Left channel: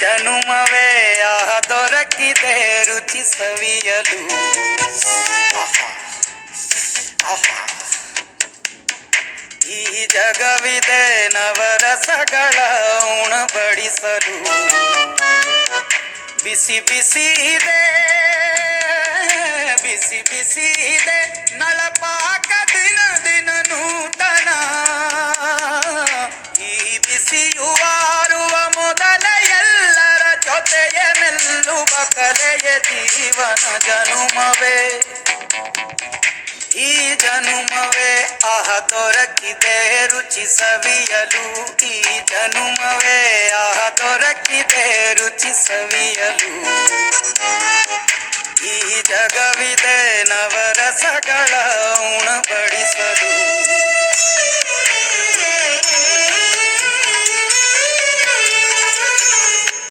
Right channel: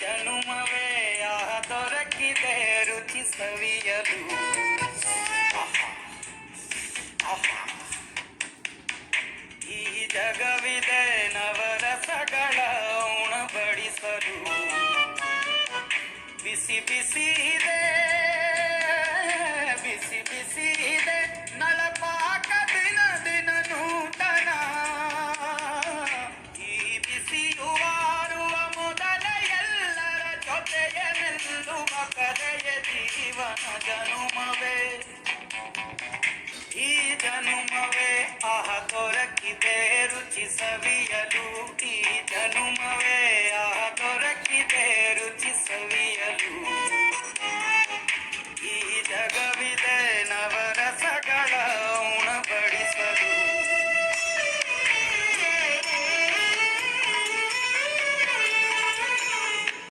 ಜನುಮವೇ ಆಹ ದೊರಕಿದೆ ರುಚಿ ಸವಿಯಲು. ಈ ಜಗವಿದೆ ನವರಸಗಳ ಉಣಬಡಿಸಲು. ಬಿಸಿ ಬಿಸಿ ಇದೆ ಬಿಸಿ ಬಿಸಿ ಇದೆ ನಳಪಾಕ ದಿನ ದಿನ ನೂತನ. ಈ ಬಿಸಿಯುವಾರುವ ಮೊದಲ ಎಲ್ಲರ ಜೊತೆಯ ಮೆಲ್ಲುವ ಕಲೆಯ ಜೀವನ ಜನುಮವೇ. ಈ ಜನುಮವೇ ಆಹ ದೊರಕಿದೆ ರುಚಿ ಸವಿಯಲು. ಈ ಜನುಮವೇ ಆಹ ದೊರಕಿದೆ ರುಚಿ ಸವಿಯಲು. ಈ ಜಗವಿದೆ ನವರಸಗಳ